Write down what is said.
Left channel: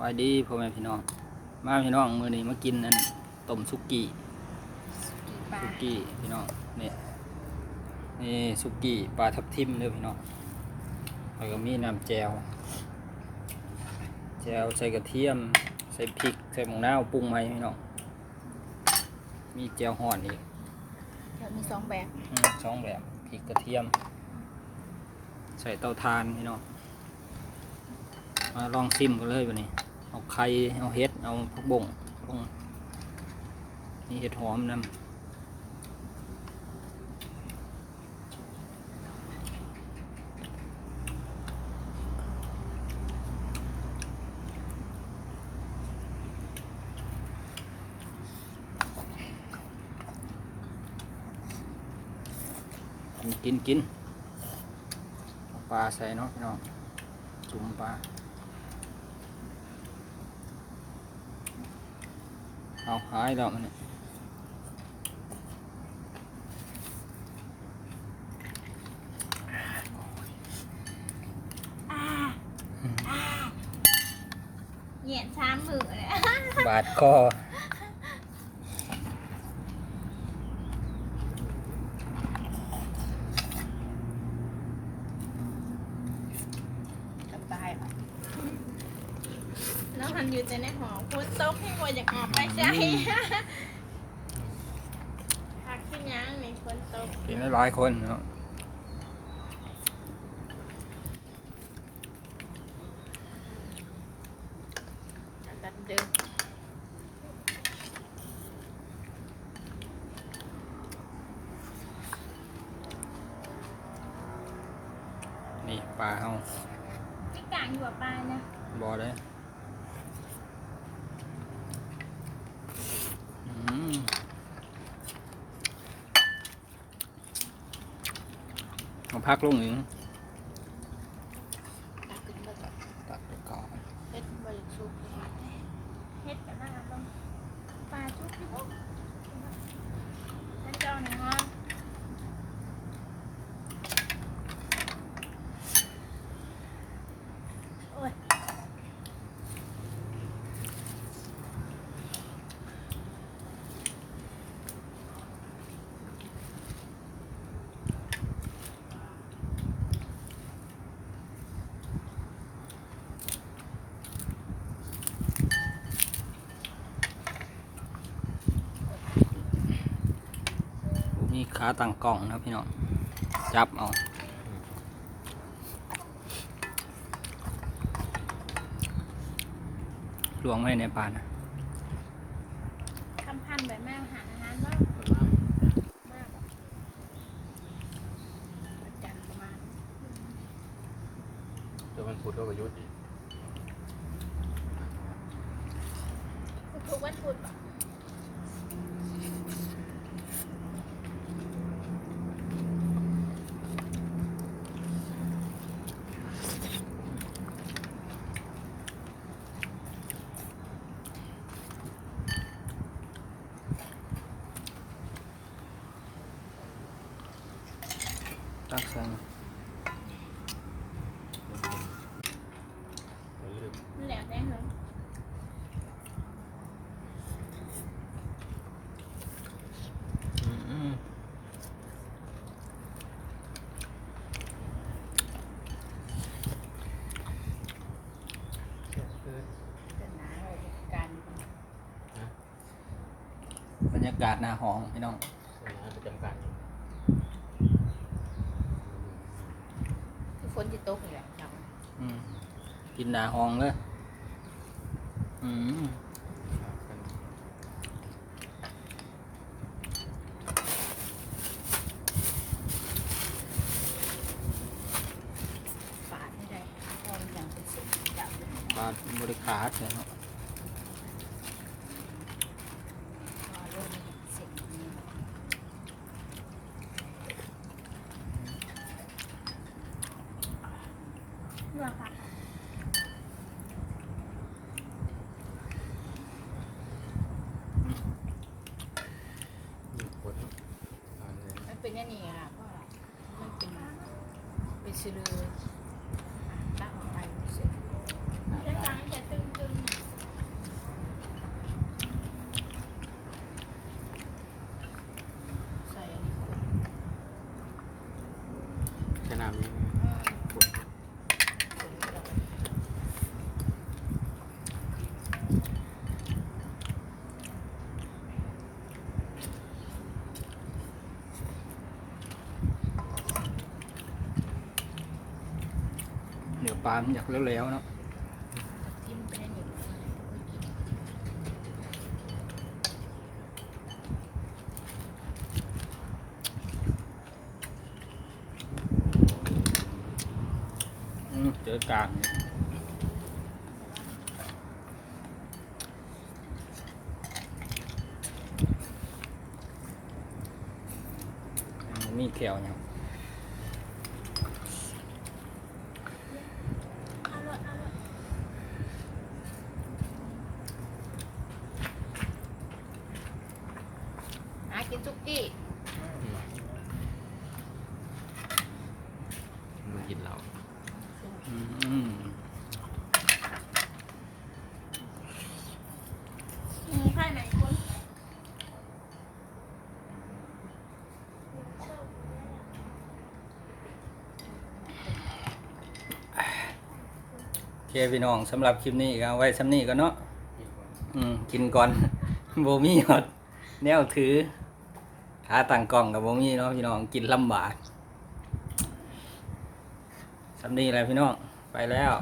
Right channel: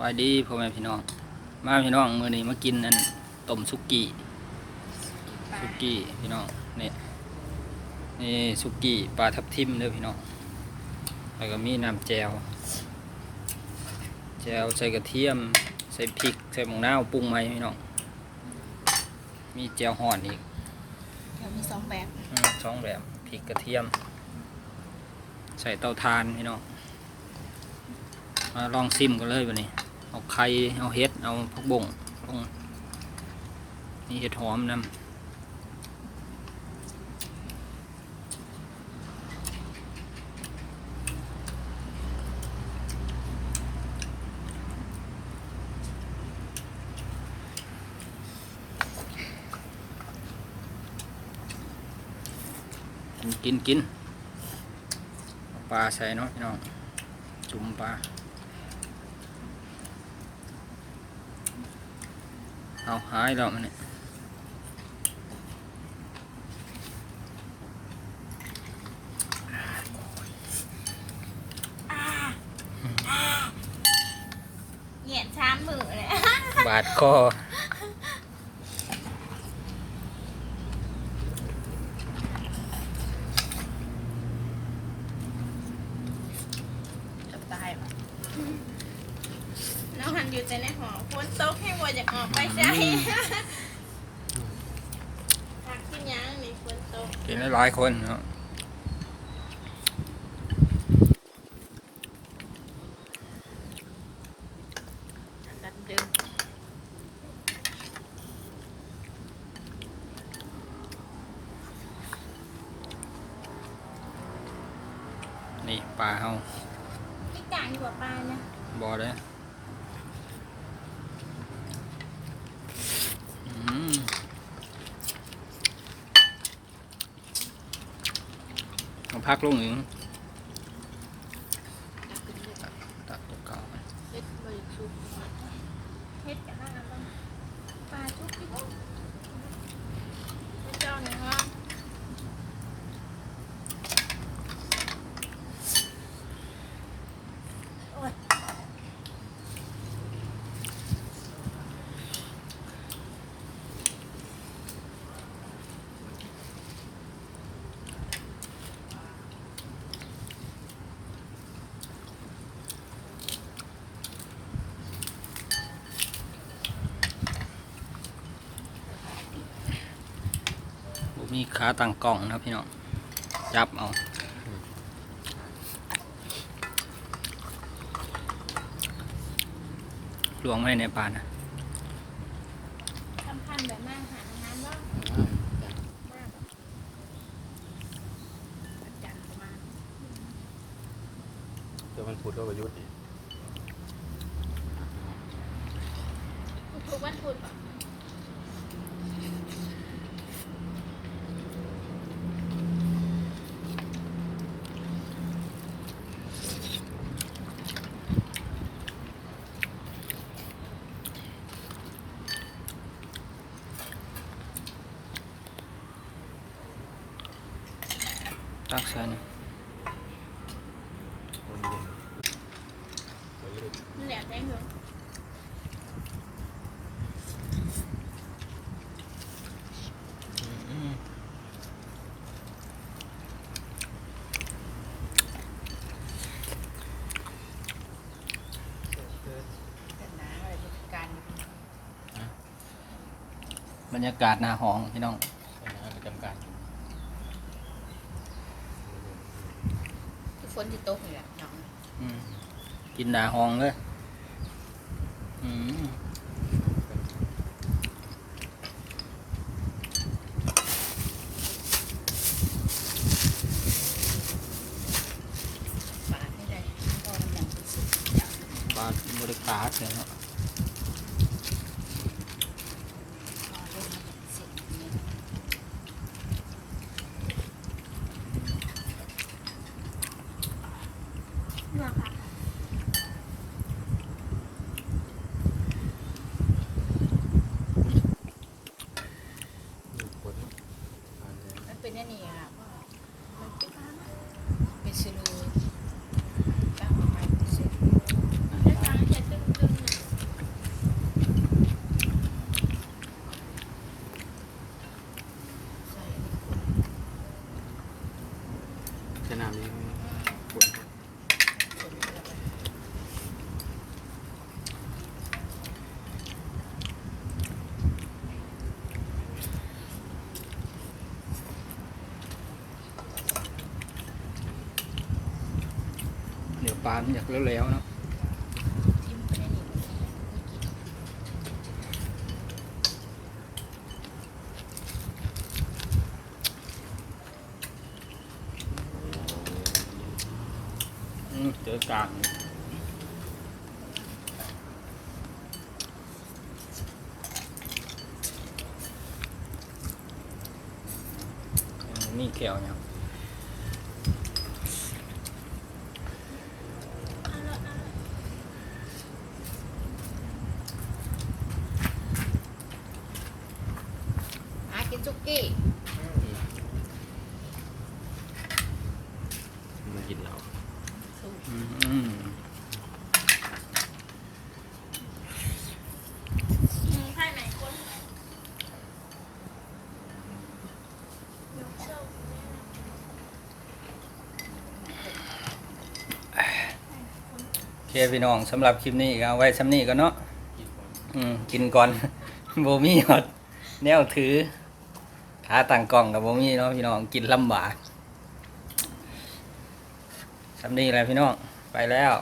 ไปดีพ่อแม่พี่น้องมาพี่น้องมื้อนี้มากินอันต้มสุกี้พี่น้องนี่สุกี้ปลาทับทิมเด้อพี่น้องแล้วก็มีน้ำแจ่วใส่กระเทียมใส่พริกใส่หมูนาวปรุงใหม่พี่น้องมีแจ่วห่อนอีกเดี๋ยวมี2 แบบสองแบบพริกกระเทียมใส่เตาถ่านพี่น้องมาลองซิมกันเลยวันนี้เอาไข่เอาเห็ดเอาผักบุ้งลงนี่เห็ดหอมนำกินเอาปลาใส่เนาะพี่น้องจุ่มปลาเอาหายแล้วมันเนี่ยเหยียดช้ำมือเลยบาดคอตายน้องหันอยู่แต่ในหอฝนตกให้วัวอยากออกไปใช่พักกินยังในฝนตกกินหลายคนเนาะดันเดิมนี่ปลาเฮาที่กลางอยู่กับปลาเนี่ยบ่ได้เอาพักลงหนึ่งตัดตัวเก่าเฮ็ดบริสุทธิ์เฮ็ดกันนั่งกันปลาชุบที่เจ้าเนี่ยฮะโอ้ยมีขาตั้งกล่องนะพี่น้องจับเอาลวงไว้ในปลานะทำพันแบบนั่งหาอาหารว่าจันมาแต่มันพูดก็ประยุทธ์ทุกวันพุธป่ะตักใส่นะแหลมได้เหรอบรรยากาศหน้าห้องพี่น้องประจำการฝนที่ตกเลยกินหน้าห้องเลยปาดไม่ได้ก็ยังเป็นสิ่งปลาบริขาดเลยเนาะเป็นนี่นี่ค่ะมันเป็นซิลูจ้าเสร็จ ลามันอยากแล้วๆเนาะ จิ้มไปในนี้ เจอกลางนี่นี่แก้วเนี่ย กินซุกี้ มันกินเรา ใช่ไหมคนโอเคพี่น้องสำหรับคลิปนี้ก็เอาไว้ซ้ำนี้ก็เนาะ กินก่อน กินก่อน โบมี่หอดแนวถือขาตั้งกล้องกับโบมี่เนาะพี่น้องกินลำบากซ้ำนี้แหละพี่น้องไปแล้ว